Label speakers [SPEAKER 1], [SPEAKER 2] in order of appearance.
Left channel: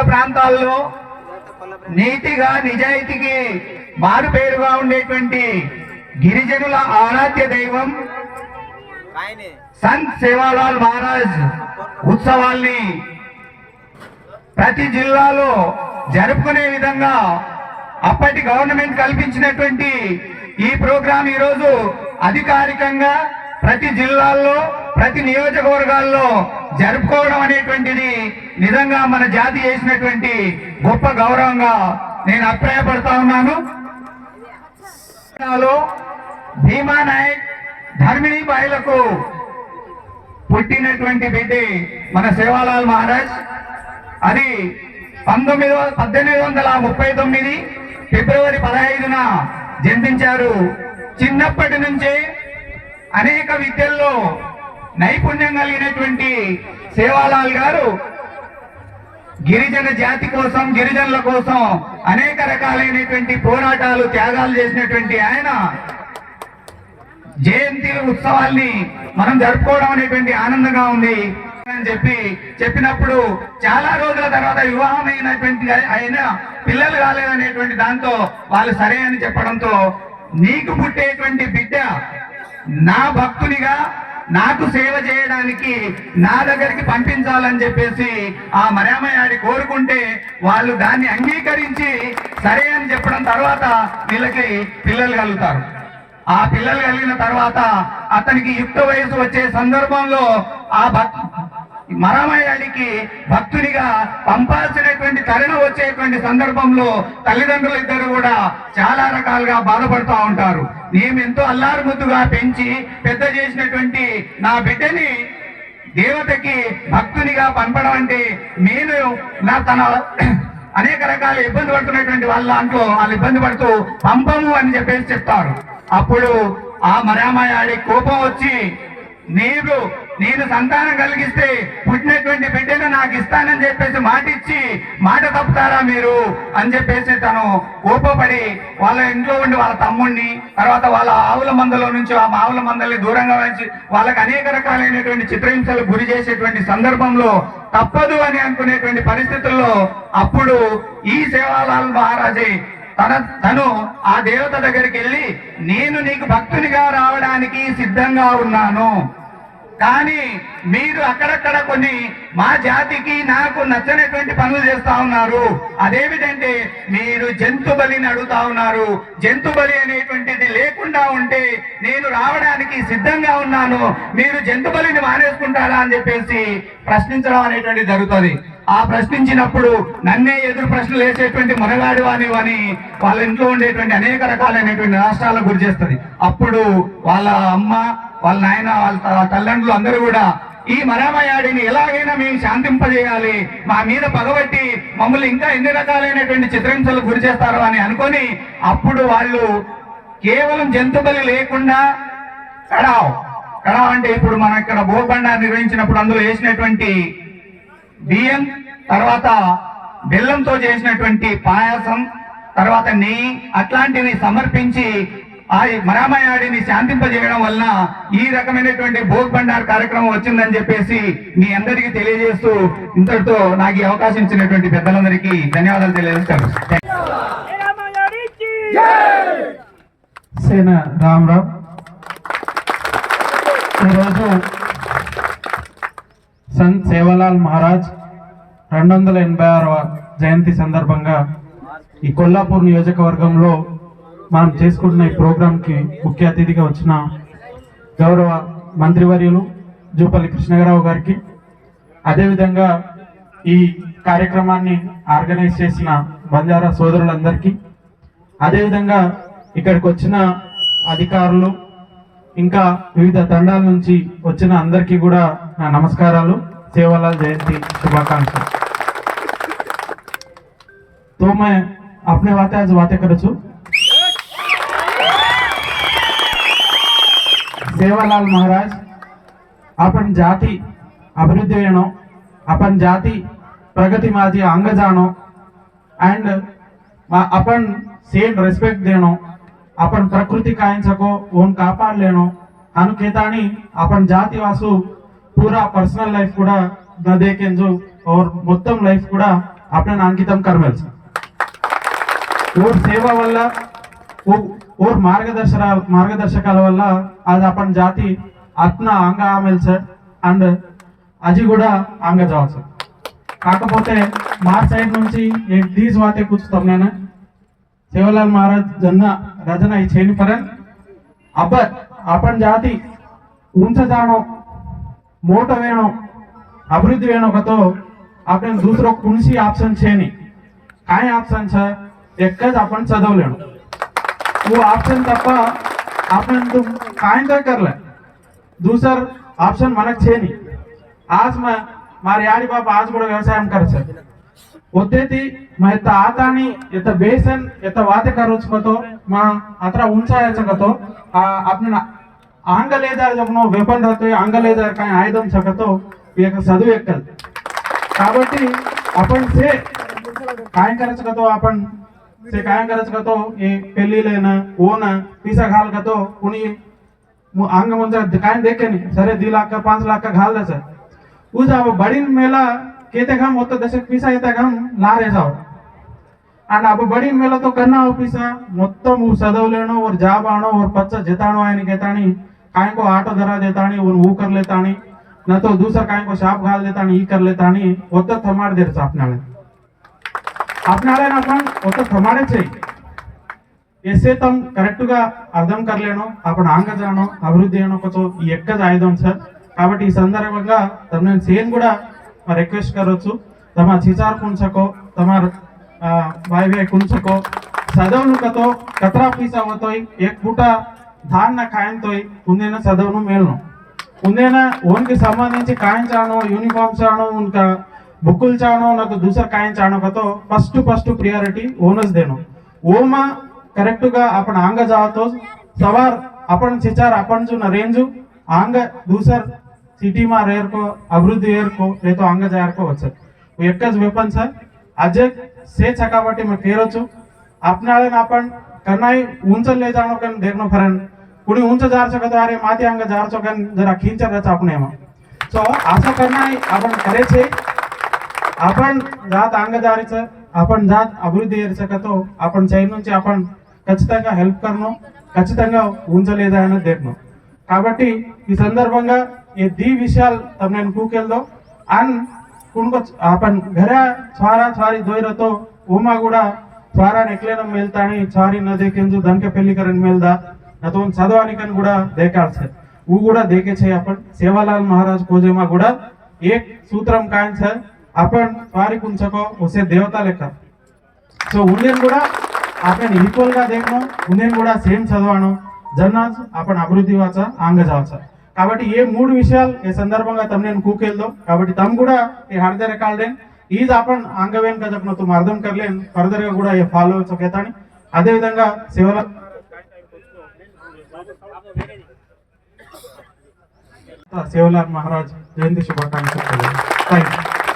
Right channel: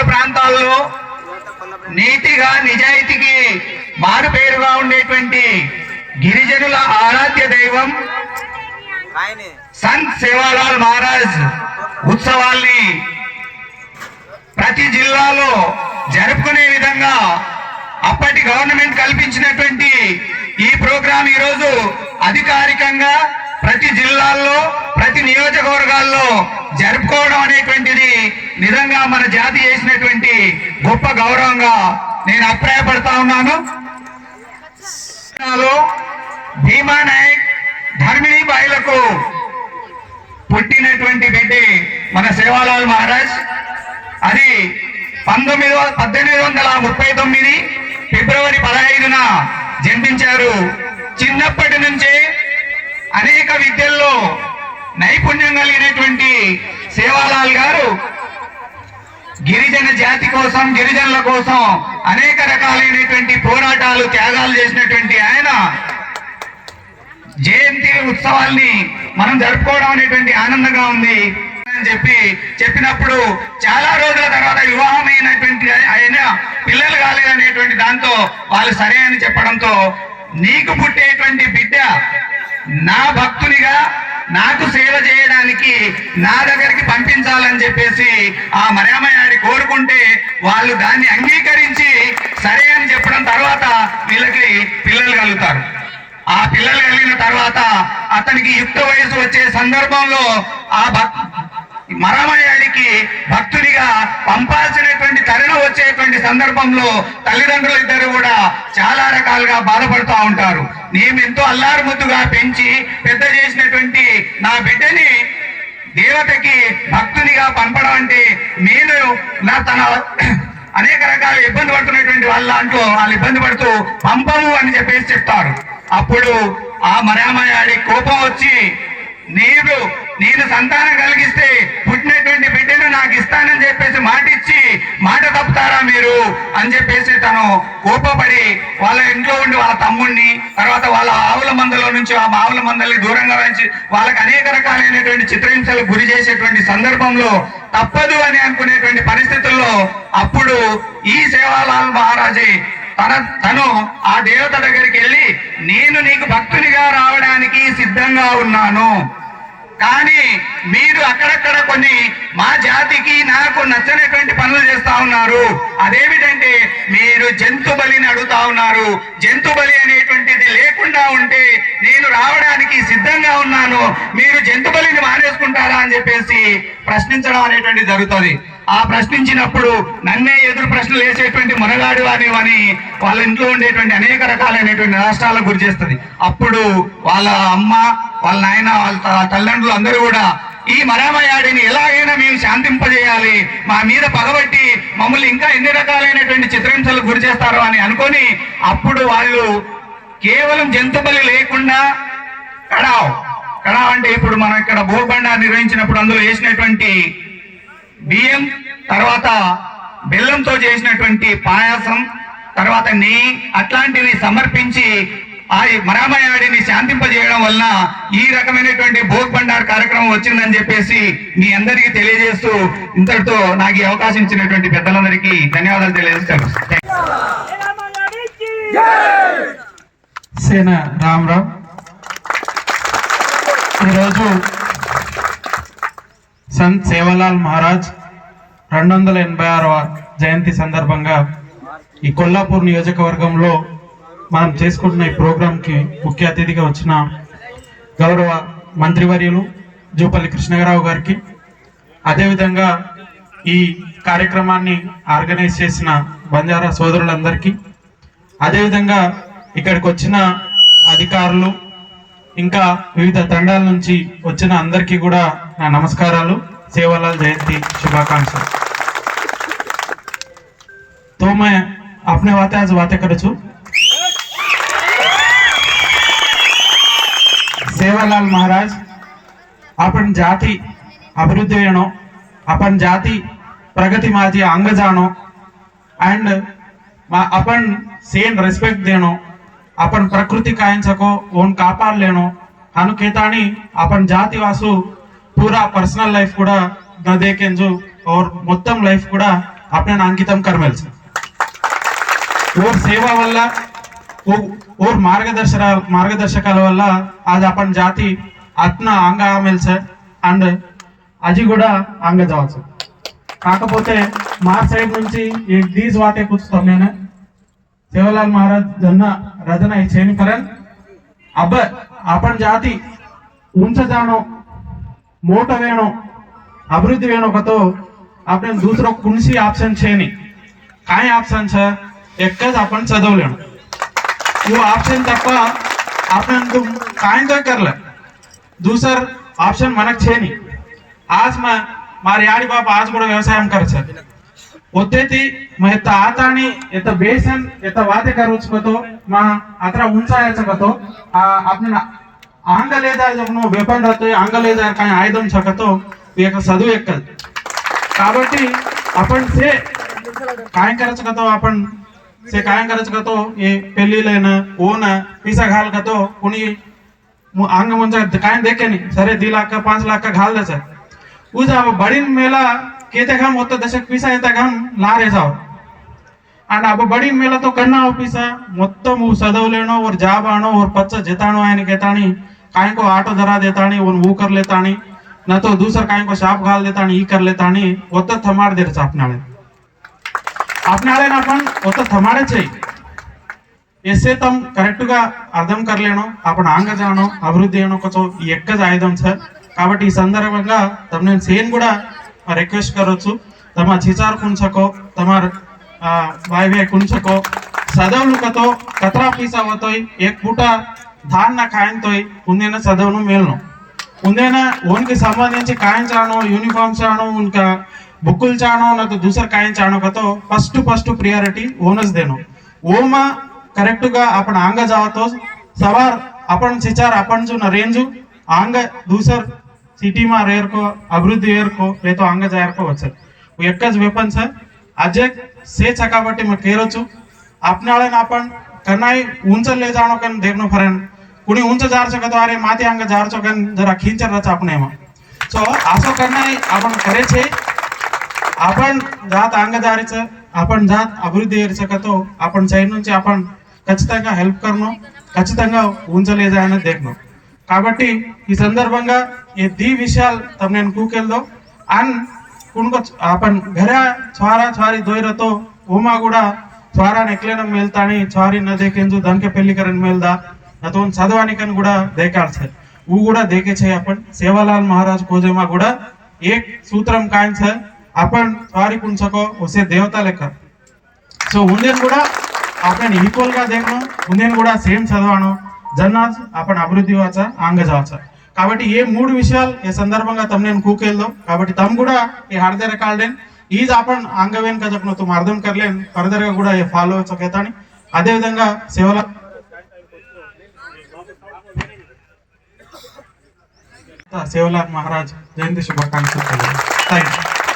[SPEAKER 1] మారుమూల ప్రాంతాల్లో నీతిగా నిజాయితీకి మారు పేరుగా ఉండేటువంటి గిరిజనుల ఆరాధ్య దైవం సంత్ సేవాలాల్ మహారాజ్ ఉత్సవాల్ని ప్రతి జిల్లాలో జరుపుకునే విధంగా అప్పటి గవర్నమెంట్ కల్పించినటువంటి ఈ ప్రోగ్రాం ఈరోజు అధికారికంగా ప్రతి జిల్లాల్లో ప్రతి నియోజకవర్గాల్లో జరుపుకోవడం అనేటువంటిది నిజంగా మన జాతి చేసినటువంటి గొప్ప గౌరవంగా నేను అభిప్రాయపడతా ఉన్నాను. భీమా నాయక్ ధర్మిణీ బాయిలకు పుట్టినటువంటి బిడ్డి మన సేవాలాల్ మహారాజ్. అది పంతొమ్మిది పద్దెనిమిది వందల ముప్పై తొమ్మిది ఫిబ్రవరి పదహైదున జన్మించారు. చిన్నప్పటి నుంచే అనేక విద్యల్లో నైపుణ్యం కలిగినటువంటి సేవాలాల్ గారు గిరిజన జాతి కోసం గిరిజనుల కోసం అనేక రకాలైనటువంటి పోరాటాలు త్యాగాలు చేసినటువంటి ఆయన జయంతి ఉత్సవాల్ని మనం జరుపుకోవడం అనేటువంటి ఆనందంగా ఉంది అని చెప్పి చెప్పినప్పుడు చాలా రోజుల తర్వాత వివాహమైనటువంటి ఆయన పిల్లలు కాలేదనేటువంటి దాంతో వాళ్ళు సరే అని చెప్పడంతో నీకు పుట్టేటువంటి బిడ్డ నా భక్తునిగా నాకు సేవ చేయడానికి నా దగ్గరికి పంపించాలని చెప్పేసి ఆ మరామయాడి కోరుకుంటే వాళ్ళు దాన్ని అంగీకరించి సరే అని చెప్పడం తర్వాత వీళ్ళకి పిల్లలు కలుగుతారు. ఆ పిల్లలు కలిగిన తర్వాత అతనికి యుక్త వయసు వచ్చే సందర్భంలో ఆ భక్ మరమయ్యాడికి భక్తునిగా పంపాల్సినటువంటి తరుణం వచ్చేటువంటి సందర్భంలో తల్లిదండ్రులు ఇద్దరు కూడా చాలా రకాలుగా బాధపడుతూ ఉంటారు. నేను ఎంతో అల్లారుముద్దుగా పెంచి పెద్ద చేసినటువంటి నా బిడ్డని దేవతకి భక్తునిగా పంపడం అంటే నేను నా తన అనేక రకాల ఇబ్బంది పడుతున్నటువంటి వాళ్ళ దాంట్లో వాళ్ళు ఇబ్బంది పడుతూ పంపము అని చెప్పేసి చెప్తారు. అప్పుడు ఆ మరామయాడి కోపం వచ్చి నీవు నేను సంతానం కలిగిస్తే పుట్టినటువంటి బిడ్డను నాకు ఇస్తానని చెప్పేసి మాట ఇచ్చి మాట తప్పుతారా మీరు? అని చెప్పేసి తను కోపపడి వాళ్ళ ఇంట్లో ఉండి వాళ్ళ తమ్ముడిని తర్వాత వాళ్ళ ఆవుల మందలో నుంచి ఆ ఆవుల మందల్ని దూరంగా ఉంచి వాళ్ళకి అనేక రకాలైనటువంటి చిత్రహింసలకు గురి చేసేటువంటి సందర్భంలో తప్పదు అని అనుకునేటువంటి పరిస్థితుల్లో అప్పుడు ఈ సేవాలాల్ మహారాజే తన తను ఆ దేవత దగ్గరికి వెళ్ళి నేను నీకు భక్తునిగా రావడానికి సిద్ధంగా ఉన్నాను. కానీ మీరు అక్కడక్కడ కొన్ని మా జాతికి నాకు నచ్చనటువంటి పనులు చేస్తా ఉన్నారు. అదేమిటంటే మీరు జంతు బలిని అడుగుతా ఉన్నారు. జంతు బలి అనేటువంటిది లేకుండా ఉంటే నేను రావడానికి సిద్ధంగా ఉన్నాను. మీరు జంతు బలిని మానేసుకుంటారా అని చెప్పేసి ప్రశ్నించడం అనేటువంటిది జరుగుతుంది. ఆ ప్రశ్నించినప్పుడు నన్నే ఎదురు ప్రశ్నలు వేసేటువంటి మునగాడు అనేవని వాళ్ళ ఇంట్లో ఉండేటువంటి అనేక రకాలైనటువంటి రాష్ట్రాలకు గురి చేస్తుంది. అప్పుడు వాళ్ళ అమ్మ వాళ్ళ నాయన వాళ్ళ తల్లిదండ్రులు అందరూ కూడా ఈ మరామయాడిని ఎలాగైనా మేము శాంతింపజేయాలి. మా మీద పగబట్టి మమ్మల్ని ఇంకా ఎన్ని రకాలైనటువంటి చిత్రహింసలు గురి చేస్తారో అని అనుకొని అప్పుడు వాళ్ళు కేవలం జంతు బలి లేకుండా కడావ్. కడావ్ అంటే ఇప్పుడు మనం ఇక్కడ భూబండ నిర్వహించినప్పుడు అందులో వేసినటువంటి బియ్యం తర్వాత బెల్లంతో చేసినటువంటి పాయాసం తర్వాత నెయ్యి అట్లాంటివి సమర్పించి ఆ మరామయాడిని శాంతింపజేయడం వలన ఈ రకమైనటువంటి భోగ్ బండార్ కార్యక్రమం వచ్చిందని చెప్పేసి మీ అందరికీ తెలియజేస్తూ ఇంతటితో నాకు ఈ అవకాశం ఇచ్చినటువంటి పెద్దలందరికీ ధన్యవాదాలు తెలియజేస్తాను.
[SPEAKER 2] సేన రామరావు ఈరోజు సంత్ సేవలాల్ మహారాజ్ రెండు వందల ఎనభై ఆరవ జయంతి సందర్భంగా ఈ కొల్లాపూర్ నియోజకవర్గంలో మనం చేసుకుంటున్న ఈ ప్రోగ్రాంకి ముఖ్య అతిథిగా వచ్చిన గౌరవ మంత్రివర్యులు జూపల్లి కృష్ణగారావు గారికి అదేవిధంగా ఈ కార్యక్రమాన్ని ఆర్గనైజ్ చేసిన బంజారా సోదరులందరికీ అదేవిధంగా ఇక్కడికి వచ్చిన అధికారులు ఇంకా వివిధ తండాల నుంచి వచ్చిన అందరికీ కూడా నా నమస్కారాలు సేవలాల్ జయంతి శుభాకాంక్షలు तो मैं अपने वाते आज बातें करू છું సేవలాల్ మహారాజ్ આપણ જાતિ અભિવૃદ્ધિનો આપણ જાતિ પ્રગતિમાં જે અંગજાનો એન્ડ આપણ સેમ రెస్పెక్ట్ દેનો આપણ ప్రకృతి కాయించకో ఓన్ కాపాడలేను అనుకేతాని આપણ జాతి వాసు పూరా పర్సనల్ లైఫ్ కూడా నదేకెంజు ఓర్ మొత్తం లైఫ్ కూడా આપણે అంకితం కర్మల్స్ ఓర్ సేవ వల్ల ఓర్ మార్గదర్శక మార్గదర్శకాల వల్ల ఆజ్ అప్పటి జాతి అత్న అంగ ఆమెల్ అండ్ అది కూడా అంగ జావల్ కాకపోతే మా సైడ్ నుంచి దీస్ వాటే కూర్చుతాం నేను. శివలాల్ మహారాజ్ జన్న రజన ఈ చేయని పరన్ అబ్బ అపన్ జాతి ఉంచదానం మూట వేణం అభివృద్ధి వేణం ఒకతో આપણે દૂસરો કુણસી ઓપ્શન છે નહીં કાંઈ ઓપ્શન છે એક જ वो ఆప్షన్ తప్ప आपने సాయంత్రం दुसर దూసర్ ఆప్షన్ మనకు చేయని आज మా మా యాడి బాబు आज కూడా వ్యవసాయం కరచారు होते मग येता आता आणि येता बेसन येता वाते करूच कतो मा आत्रा उंचायचं कतो। आपण अंग लेदार जगनो वेपन जाते अंग लेदार काय आयुधం शकतो एक सदू एकल కాబట్టి आपण से काय करायचं कतो आपण शेकायं गरज करतो हे पेल्लीलेन ऊन, पिसा घाल करतो, कुणी अंग मुंजा दिखाएँ देखे नहीं, सरे दी लाख का पाँच लाख का घाल द्यायचा उजा बडीन मेला, केते घाम, होतो तसे पिसा येता घाम लार येसाव అండ్ అబ్బ బడి మేళ తో కన్నా ఆఫీసా మొత్తం చదవలేనో कर तो दूसरा कायको को शाप घाल देता ई कर लेतानी वो तो थमार देर అసనాడైనా కొంత సమాడే చేయి ఎస్సే తాము కరెక్ట్గా అర్థం కరలేను అప్పుడు ఆంగజానం అభివృద్ధి అయ్యను కొంచెం ఎక్క సాయుధం సార్ కాబట్టి ఈ సందర్భంగా తమ నేను సేన్ కూడా రిక్వెస్ట్ కరొచ్చు తమ చిచార్ కుంచకో తమ వాయువే కుంచకో చదవులు కతో కతరా పీసా పోతాయి ఏక్ పూట ధారణ కాయంతోయ్ ఉందైనా చదవను మేలను ఉందైనా ఓన్కి సంబంధించి కాయం చాను యూనిఫామ్ చాను ఇంకా બુકુલ ચાણો ન તો દૂસર કાયન ચાણો કતો ફર્સ્ટ ફર્સ્ટ પ્રિયારિટી ઓન જ દેનો ઓમાં కరెక్ట్గా అప్పుడు ఆంగ జాతో సవార్ అప్పుడు చిచార్ అప్పుడు చూన రేంజ్ ఆంగ దూసర్ సిటీమా రేర్కో అభివృద్ధి ఏర్కో ఏతో ఆంగ జాయర్కో వచ్చారు ఎక్క వెపన్ సార్ అజయ్ సే చకాబట్టి మేము కేరొచ్చు આપનાળે ના પણ કનાઈ ઊંચ લે જાણો કે દેખનો ફરેન કુણી ઊંચ જાર છો કે તો અરે માથે આંગે જાર છો કે જરા ખીંચર રચ આપણે એમાં સો આશો કનાઈ આપણ કરે છે आपण करे छे आपण जात अंगदारीचं आपण जात అభివృద్ధి शकतो आपण సైడ్ నుంచి आपण ఖచ్చితంగా హెల్ప్ కర్నో ఖచ్చితంగా ఉంచలేదని దేఖనో కాబట్టి ఈ సందర్భంగా ఈ दी విషయాలు తమ నేను కూకెళ్దో అండ్ कुणको आपण घरा छवारा छवारी दोय तो ओमा गुडा छवारा నెక్లేన మేల్తాని छवारी न देखेंजु धनके పెళ్లి కరన్ మేల్దా నతోన్ చదవాని కన్ కూడా దేకాల్ సార్ ऊ కూడా देखे छे आपण सेवालाल महाराज कोजेमा కూడా एक सूत्रम काय छ આપણ વારી કુન શકો ઉસે દેવતા లెక్క. సో ఉందేని కూడా आपण इक्वलగా देखणं ఉందేని కూడా సేమ్ చదవడం జన్నాజ్ आपण అభివృద్ధి వాచ ఆంగ జావచ కాబట్టి ఏ మూడు విషయాలు ఏ సందర్భంగా తమ నేను కూకెళ్దాం కాబట్టి తమ కూడా ఈ హర్దే రికార్డెన్ ఈజ్ ఆపన్ అంగవేన్ కదపను తుమ్ అర్థం కర్లేన్ ఫర్దర్గా కూడా ఏ ఫాలో చకేతాని అదే విధంగా సేవల సేవలాల్ మహారాజ్ జయంతి శుభాకాంక్షలు. Thank you